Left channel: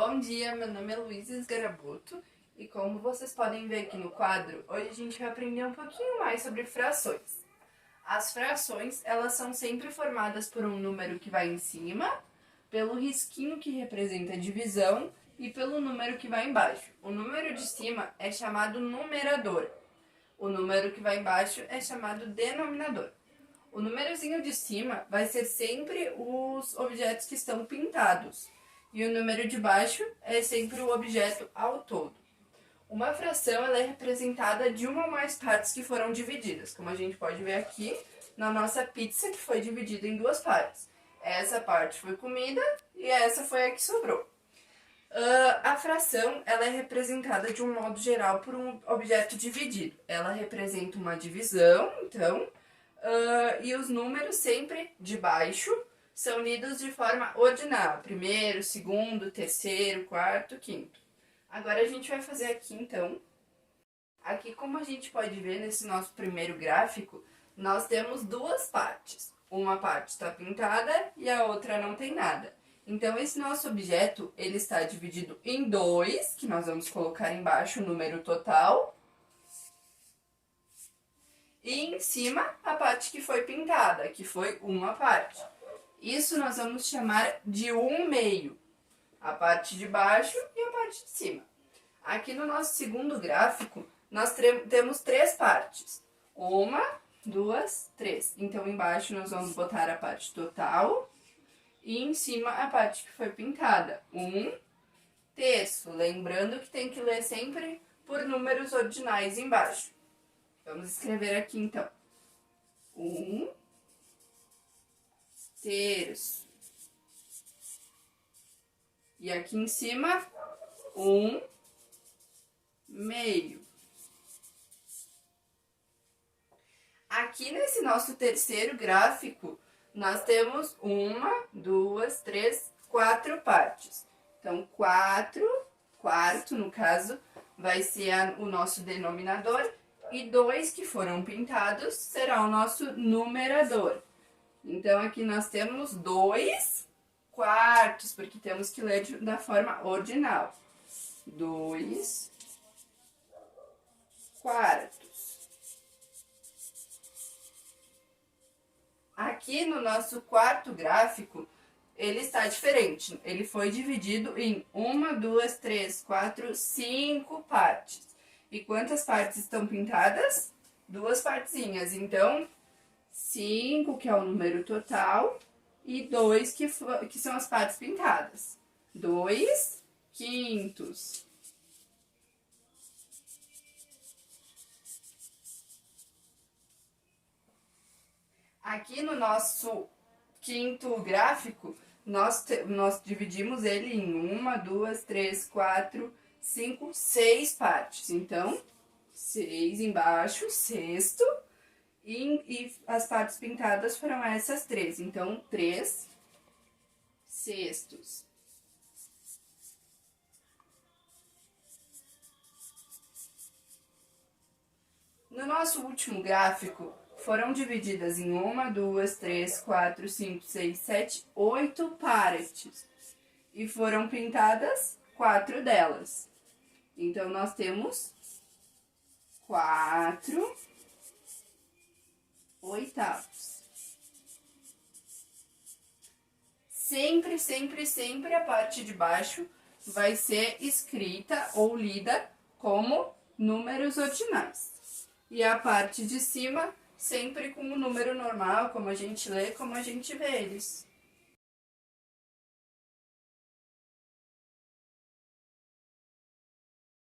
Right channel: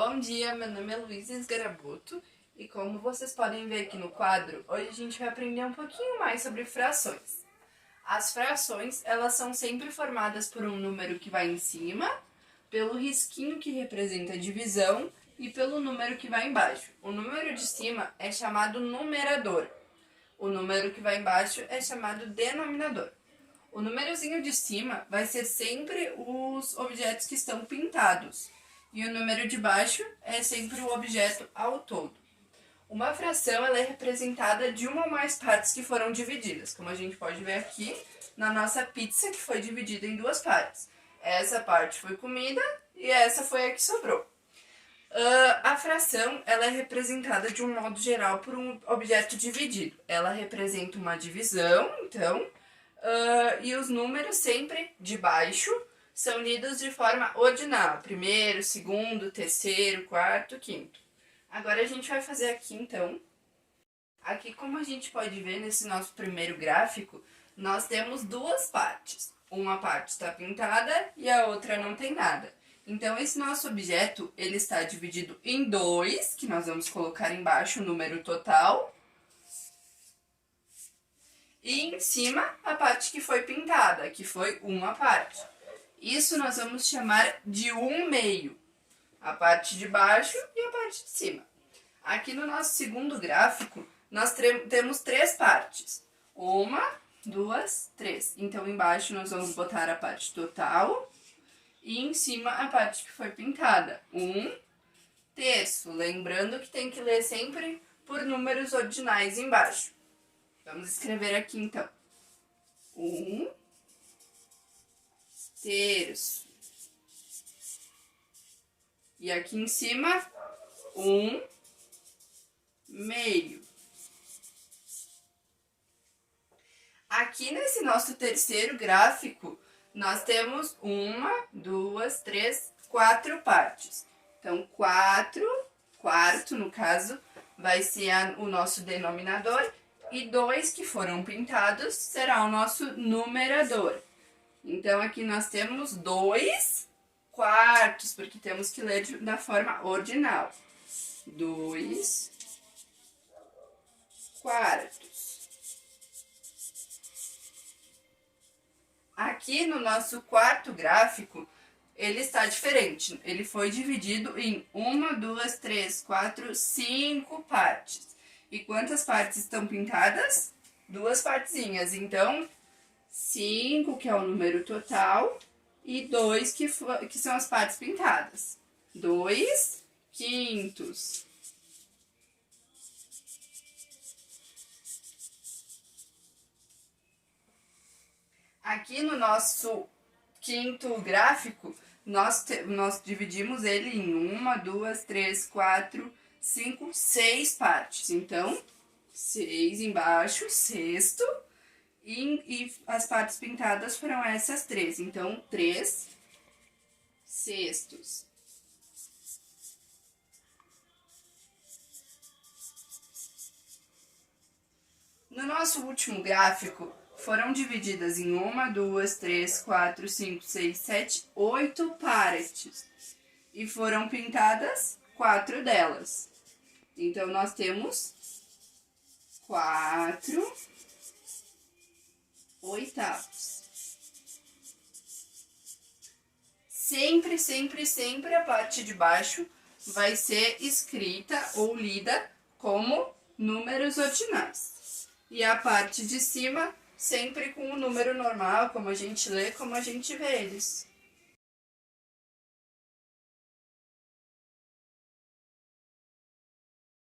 Bom dia, meu nome é Luísa Esgarabuto e como vocês podem ver aqui no quadro, hoje a gente vai aprender um pouquinho mais sobre frações. As frações, elas são sempre formadas por um número que vai em cima, pelo risquinho que representa a divisão e pelo número que vai embaixo. O número de cima é chamado numerador, o número que vai embaixo é chamado denominador. O númerozinho de cima vai ser sempre os objetos que estão pintados. E o número de baixo é sempre o objeto ao todo. Uma fração ela é representada de uma ou mais partes que foram divididas, como a gente pode ver aqui na nossa pizza, que foi dividida em duas partes. Essa parte foi comida e essa foi a que sobrou. A fração ela é representada de um modo geral por um objeto dividido. Ela representa uma divisão, então, e os números sempre de baixo são lidos de forma ordinal. Primeiro, segundo, terceiro, quarto, quinto. Agora a gente vai fazer aqui, então. Aqui, como a gente pode ver nesse nosso primeiro gráfico, nós temos duas partes. Uma parte está pintada e a outra não tem nada. Então, esse nosso objeto, ele está dividido em dois, que nós vamos colocar embaixo o número total. E em cima, a parte que foi pintada, que foi uma parte. Isso nós vamos chamar de 1/2, a parte de baixo e a parte de cima. Aqui no nosso segundo gráfico, nós temos três partes. 1, 2, 3. Então, embaixo nós vamos botar a parte total e em cima a parte que foi pintada. 1/3. Lembrando que tem que ler sempre por números ordinais embaixo. Vamos escrever aqui, então. 1/3. E aqui em cima, 1/2. Aqui nesse nosso terceiro gráfico, nós temos 1, 2, 3, 4 partes. Então, 4, quarto no caso, vai ser o nosso denominador. E 2 que foram pintados será o nosso numerador. Então, aqui nós temos 2 quartos, porque temos que ler da forma ordinal. 2 quartos. Aqui no nosso quarto gráfico, ele está diferente. Ele foi dividido em 1, 2, 3, 4, 5 partes. E quantas partes estão pintadas? 2 partezinhas. Então, 5, que é o número total, e 2, que são as partes pintadas. 2/5. Aqui no nosso quinto gráfico, nós dividimos ele em 1, 2, 3, 4, 5, 6 partes. Então, 6 embaixo, sexto. E as partes pintadas foram essas 3. Então, 3/6. No nosso último gráfico, foram divididas em 1, 2, 3, 4, 5, 6, 7, 8 partes. E foram pintadas 4 delas. Então, nós temos 4/8. Sempre, sempre, sempre a parte de baixo vai ser escrita ou lida como números ordinais. E a parte de cima sempre com o número normal, como a gente lê, como a gente vê eles.